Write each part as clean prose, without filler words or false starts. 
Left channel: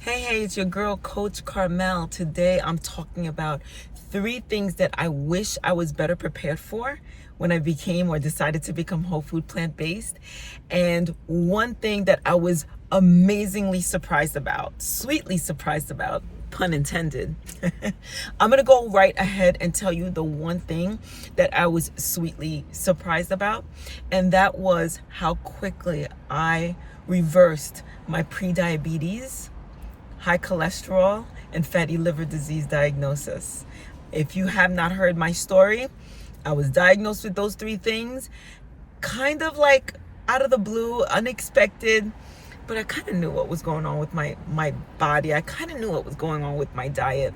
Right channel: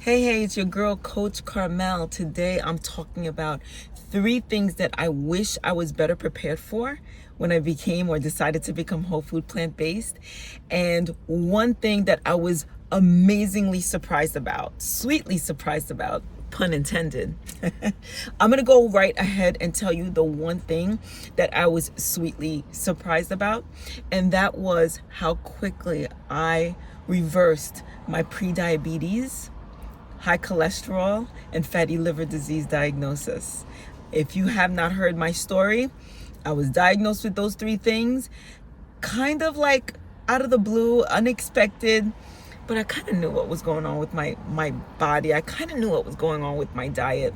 Hey, it's your girl, Coach Carmelle. Today I'm talking about 3 things that I wish I was better prepared for when I became or decided to become whole food plant-based. And one thing that I was amazingly surprised about, sweetly surprised about, pun intended. I'm gonna go right ahead and tell you the one thing that I was sweetly surprised about, and that was how quickly I reversed my pre-diabetes, high cholesterol, and fatty liver disease diagnosis. If you have not heard my story, I was diagnosed with those 3 things, kind of like out of the blue, unexpected, but I kind of knew what was going on with my body. I kind of knew what was going on with my diet.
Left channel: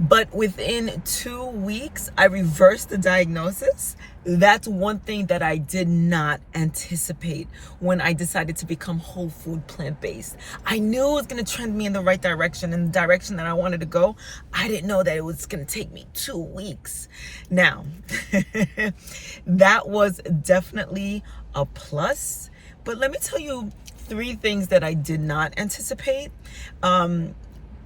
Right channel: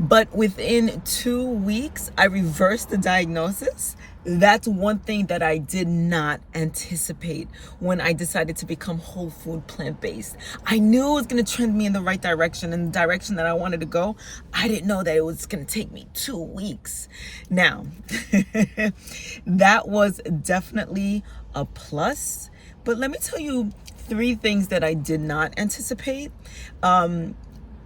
But within 2 weeks, I reversed the diagnosis. That's one thing that I did not anticipate when I decided to become whole food plant-based. I knew it was going to trend me in the right direction, in the direction that I wanted to go. I didn't know that it was going to take me 2 weeks. Now, that was definitely a plus. But let me tell you 3 things that I did not anticipate.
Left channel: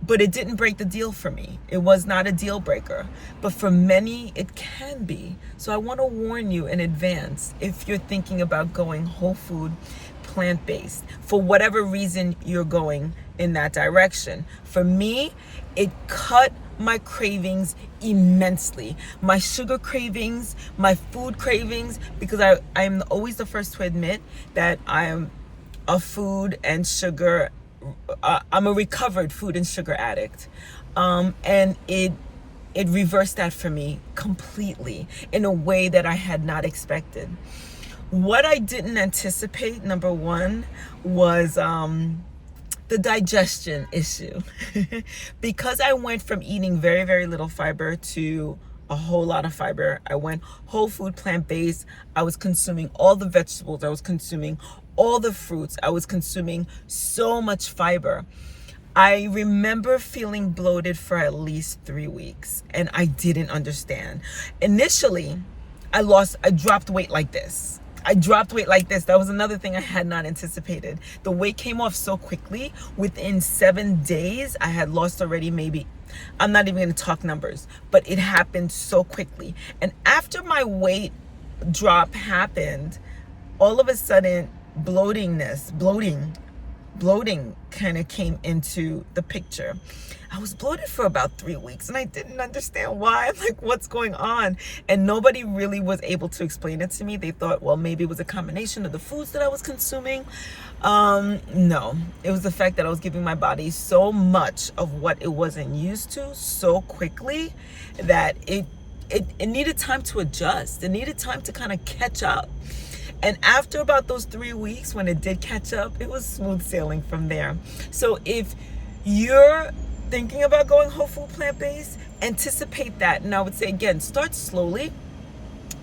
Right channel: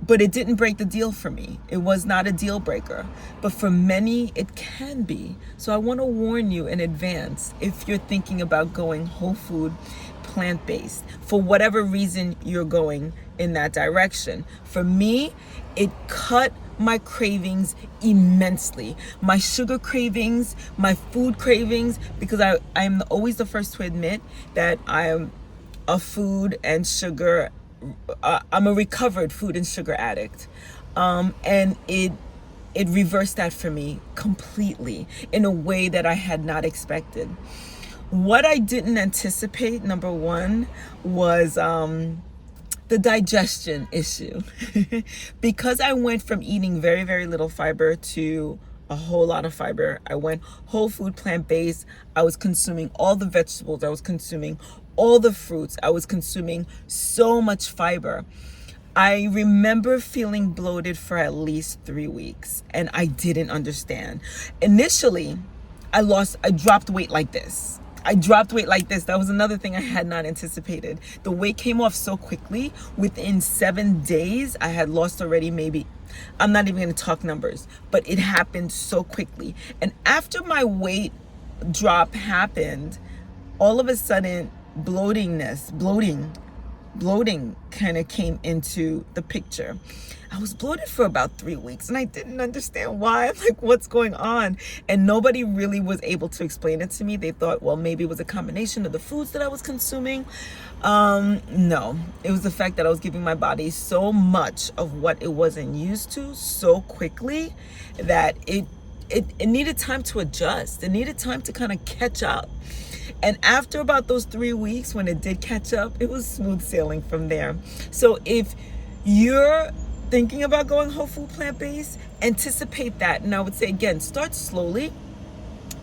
But it didn't break the deal for me. It was not a deal breaker. But for many, it can be. So I want to warn you in advance if you're thinking about going whole food, plant-based, for whatever reason you're going in that direction. For me, it cut my cravings immensely. My sugar cravings, my food cravings, because I'm always the first to admit that I am a food and sugar I'm a recovered food and sugar addict, and it reversed that for me completely in a way that I had not expected. What I didn't anticipate, number one, was the digestion issue. Because I went from eating very, very little fiber to a whole lot of fiber. I went whole food plant-based. I was consuming all the vegetables. I was consuming all the fruits. I was consuming so much fiber. I remember feeling bloated for at least 3 weeks, and I didn't understand. Initially, I dropped weight like this. That was another thing I had not anticipated. The weight came off so quickly. Within 7 days, I had lost already maybe, I'm not even gonna talk numbers, but it happened so quickly. And after my weight drop happened, all of a sudden, bloating kind of came into the picture. I was bloated for about 3 weeks and I didn't understand why. I'm like, what's going on? And nobody really was able to explain it to me. They thought, well, maybe it was a combination of the foods that I was consuming. No, it was the fact that I was giving my body so much of what it wasn't used to so quickly that it needed time to adjust. It needed time to kind of catch up. And after about those 3 weeks, when it did catch up, it was smooth sailing from there. So if you're thinking about going whole food plant-based, anticipate that. And I would say, again, start slowly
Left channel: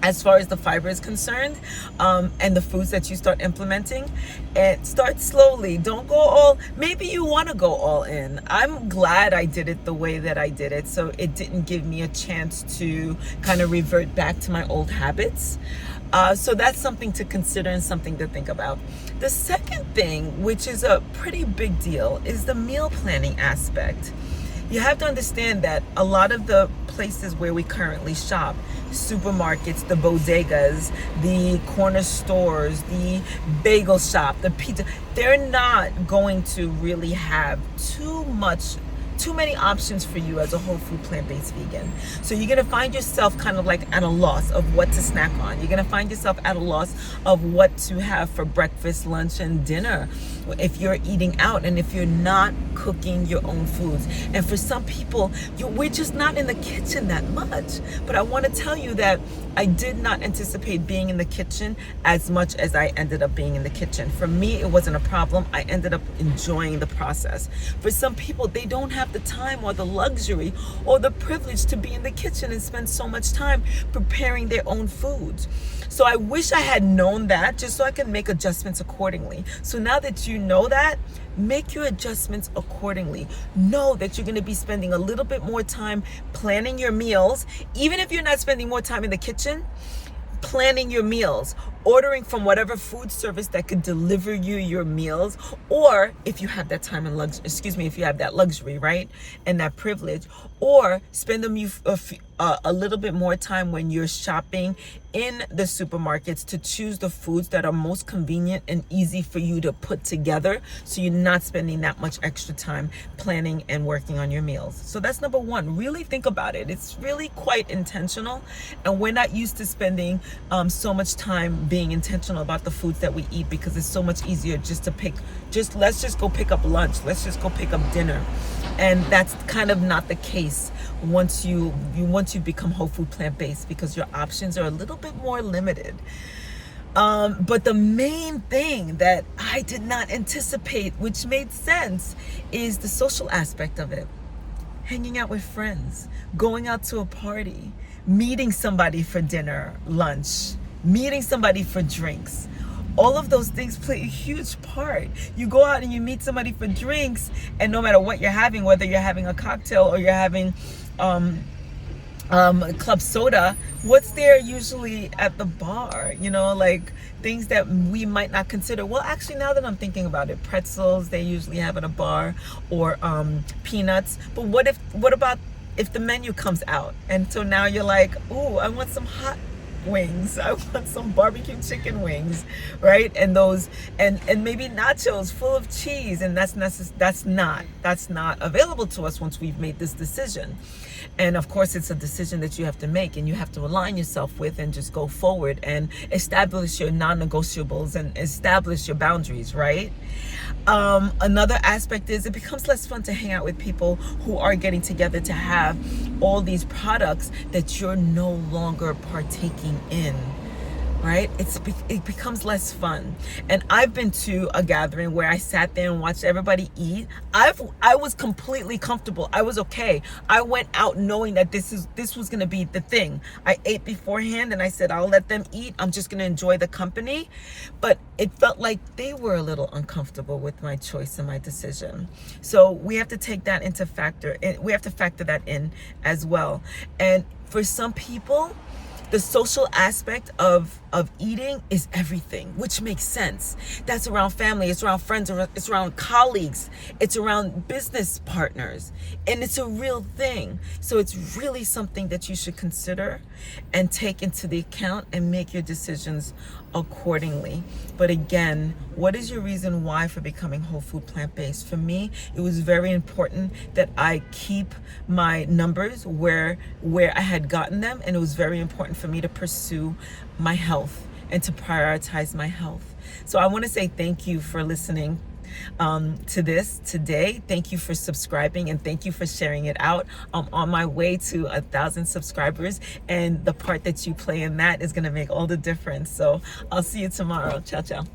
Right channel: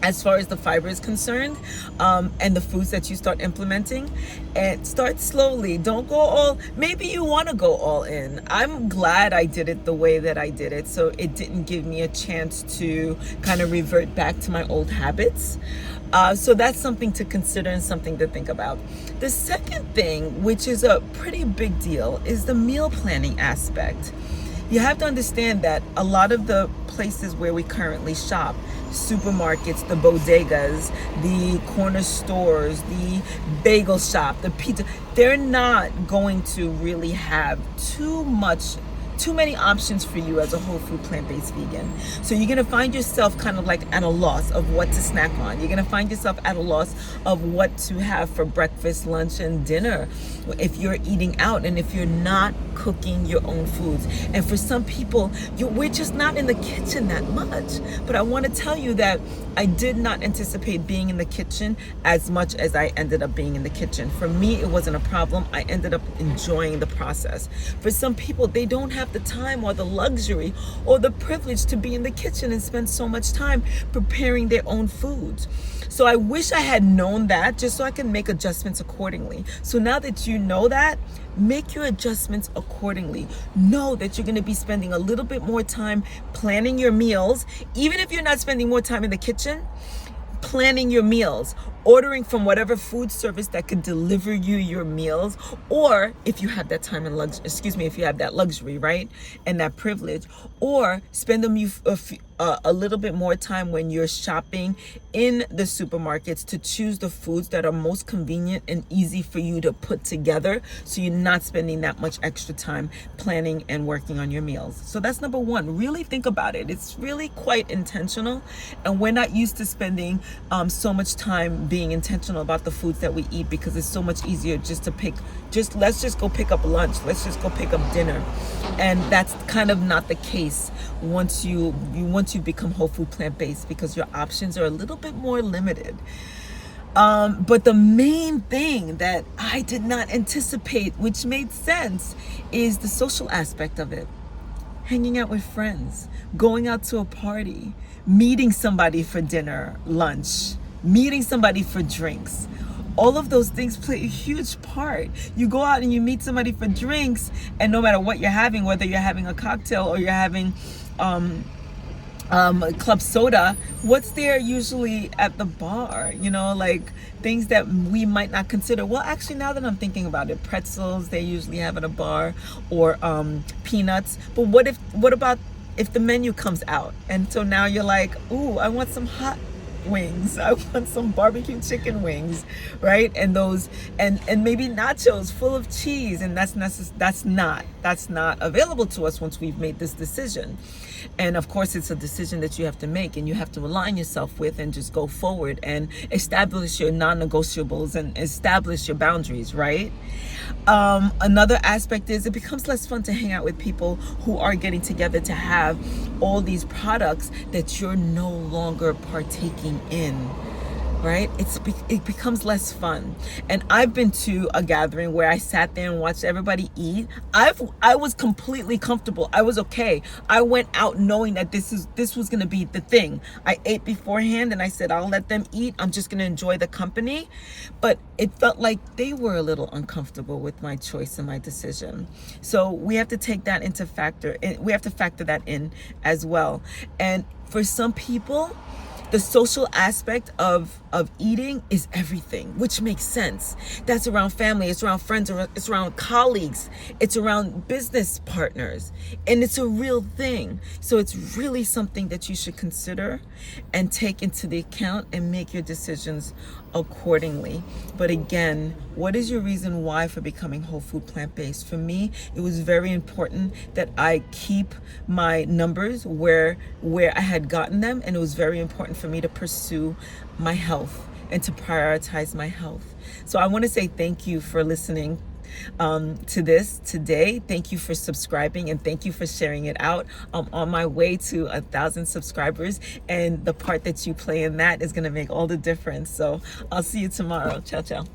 as far as the fiber is concerned, and the foods that you start implementing. And start slowly. Don't go maybe you want to go all in. I'm glad I did it the way that I did it, so it didn't give me a chance to kind of revert back to my old habits. So that's something to consider and something to think about. The second thing, which is a pretty big deal, is the meal planning aspect. You have to understand that a lot of the places where we currently shop, supermarkets, the bodegas, the corner stores, the bagel shop, the pizza, they're not going to really have too many options for you as a whole food plant-based vegan. So you're gonna find yourself kind of like at a loss of what to snack on. You're gonna find yourself at a loss of what to have for breakfast, lunch, and dinner if you're eating out and if you're not cooking your own foods. And for some people, we're just not in the kitchen that much. But I wanna tell you that I did not anticipate being in the kitchen as much as I ended up being in the kitchen. For me, it wasn't a problem. I ended up enjoying the process. For some people, they don't have the time or the luxury or the privilege to be in the kitchen and spend so much time preparing their own foods. So I wish I had known that, just so I can make adjustments accordingly. So now that you know that, make your adjustments accordingly. Know that you're going to be spending a little bit more time planning your meals, even if you're not spending more time in the kitchen. Planning your meals, ordering from whatever food service that could deliver you your meals, or if you have that time and if you have that luxury, right, and that privilege, or spend a little bit more time when you're shopping in the supermarkets to choose the foods that are most convenient and easy for you to put together, so you're not spending that much extra time planning and working on your meals. So that's number one. Really think about it. It's really quite intentional, and we're not used to spending so much time being intentional about the foods that we eat, because it's so much easier let's just go pick up lunch, let's just go pick up dinner. And that's kind of not the case once you become whole food plant-based, because your options are a little bit more limited. But the main thing that I did not anticipate, which made sense, is the social aspect of it. Hanging out with friends, going out to a party, meeting somebody for dinner, lunch, meeting somebody for drinks. All of those things play a huge part. You go out and you meet somebody for drinks, and no matter what you're having, whether you're having a cocktail or you're having club soda, what's there usually at the bar? Like things that we might not consider. Well, actually, now that I'm thinking about it, pretzels they usually have at a bar, or peanuts. But what about if the menu comes out, and so now you're like, ooh, I want some hot wings, I want some barbecue chicken wings, right? And those and maybe nachos full of cheese, and that's not available to us once we've made this decision. And of course, it's a decision that you have to make, and you have to align yourself with and just go forward and establish your non-negotiables and establish your boundaries, right? Another aspect is it becomes less fun to hang out with people who are getting together to have all these products that you're no longer partaking in, right? It becomes less fun. And I've been to a gathering where I sat there and watched everybody eat. I was completely comfortable. I was okay. I went out knowing that this was going to be the thing. I ate beforehand and I said, I'll let them eat. I'm just going to enjoy the company. But it felt like they were a little uncomfortable with my choice and my decision. So we have to take that into factor. We have to factor that in as well. And for some people, the social aspect of eating is everything, which makes sense. That's around family, it's around friends, it's around colleagues, it's around business partners, and it's a real thing. So it's really something that you should consider and take into the account and make your decisions accordingly. But again, what is your reason why for becoming whole food plant-based? For me, it was very important that I keep my numbers where I had gotten them, and it was very important for me to pursue my health and to prioritize my health. So I want to say thank you for listening to this today. Thank you for subscribing, and thank you for sharing it out. I'm on my way to 1,000 subscribers, and the part that you play in that is going to make all the difference. So I'll see you tomorrow. Ciao, ciao.